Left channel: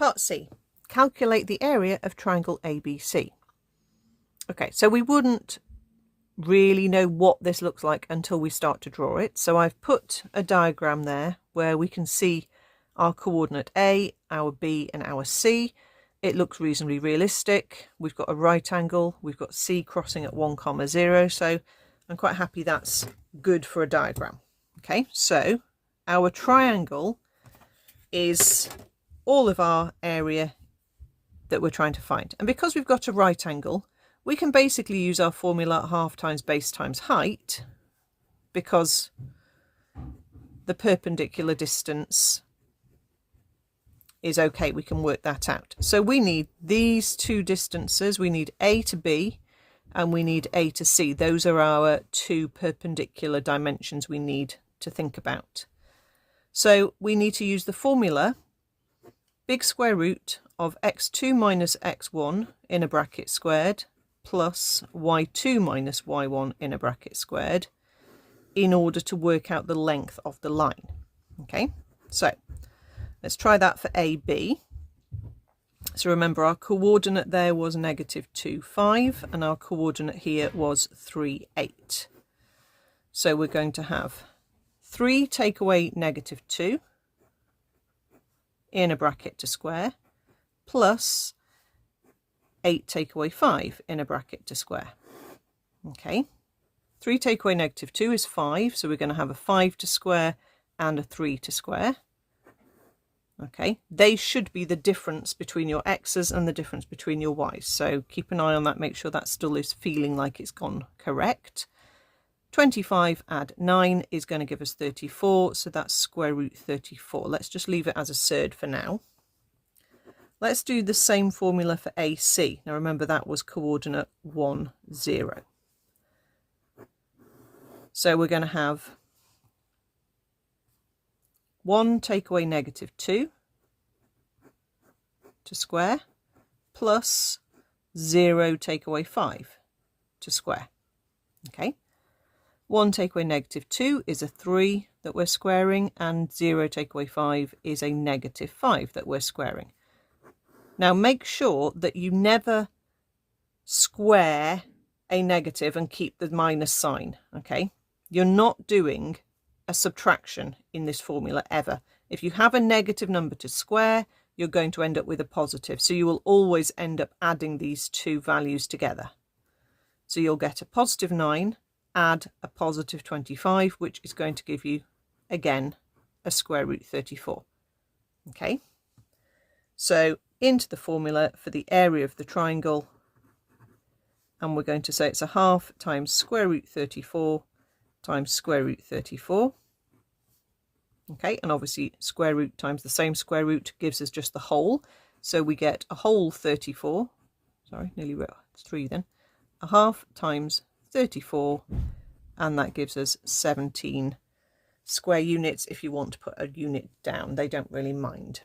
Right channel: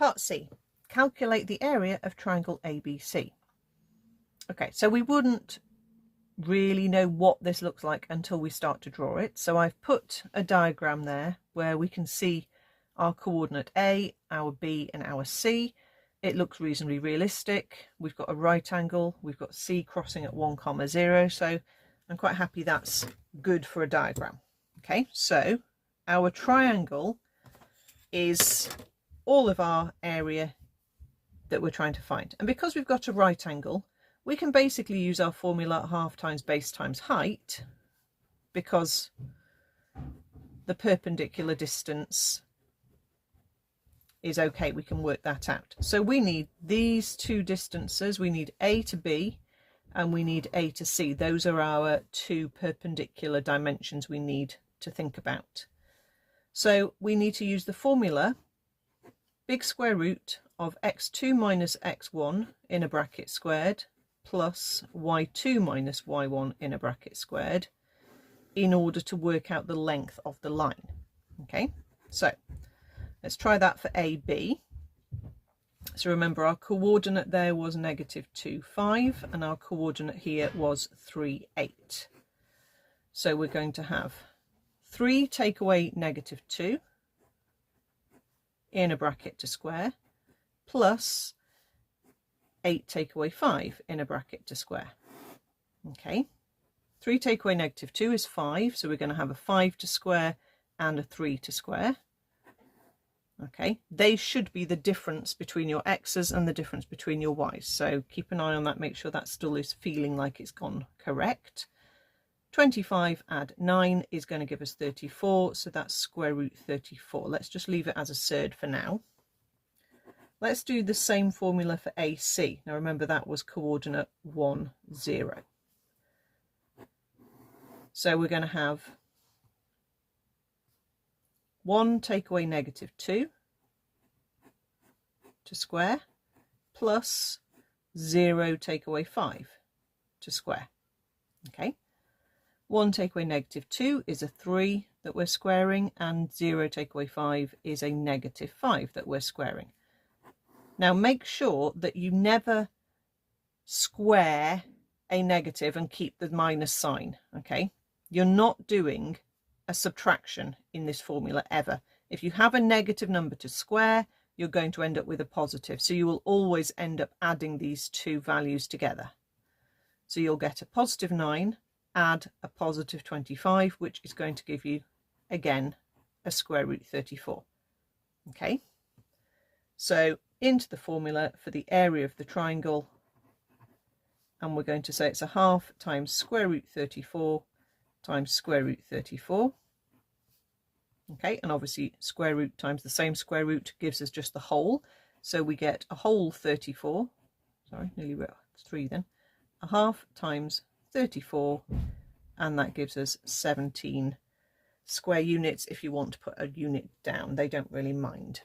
Part C, calculate the area of triangle ABC. Okay, so we wouldn't really know what this looks like until we start to draw it. So I've put a diagram there where we can see our coordinate A, our B and our C. It looks reasonably realistic. We've got a right angle, we've got C crossing at 1, 0, so I'm quite happy that's good for a diagram. Okay, so our triangle is all of our area that we're trying to find, and because we've got a right angle, we can basically use our formula half times base times height, because the perpendicular distance is okay, we can work that out. So we need these two distances, we need A to B and we need A to C. Those are our two perpendicular dimensions we need to think about. So we need to use the formula big square root of x2 minus x1 in a bracket squared plus y2 minus y1 in a bracket squared in order to work out the length of the line. Okay, so let's try that for AB. So remember, our coordinate there was -2, 5, and our coordinate here was 3, 8. So we're going to have 3 take away -2 in a bracket to square plus 8 take away 5 in a bracket to square. Okay, 3 take away -2 is 5, so we're going to have a 5 to square and a 3 to square. Okay, they should be the difference between your x's and the difference between your y's, so keep an eye on that, make sure that still is feeling like it's gone correct. 25 add 9 is going to give us 34, so that's square root 34. Let's just leave it as a surd for now. Let's do the same formula for AC. Now remember, that was coordinate 1, 0. So we're going to have 1 take away -2 to square plus 0 take away 5 to square. Okay, 1 take away -2 is a 3 that we're squaring, and 0 take away 5 is a -5 that we're squaring. Now make sure that you never square a negative and keep the minus sign. Okay, you're not doing a subtraction in this formula ever. If you have a negative number to square, you're going to end up with a positive, so you will always end up adding these two values together. So you'll get a +9 add a +25, which is going to give you again a square root 34. Okay, so into the formula for the area of the triangle, and we're going to say it's a half times square root 34 times square root 34. Okay, and obviously square root times the same square root gives us just the whole, so we get a whole 34, sorry, nearly wrote 3 then, a half times 34, and that gives us 17 square units if you want to put a unit down. They don't really mind.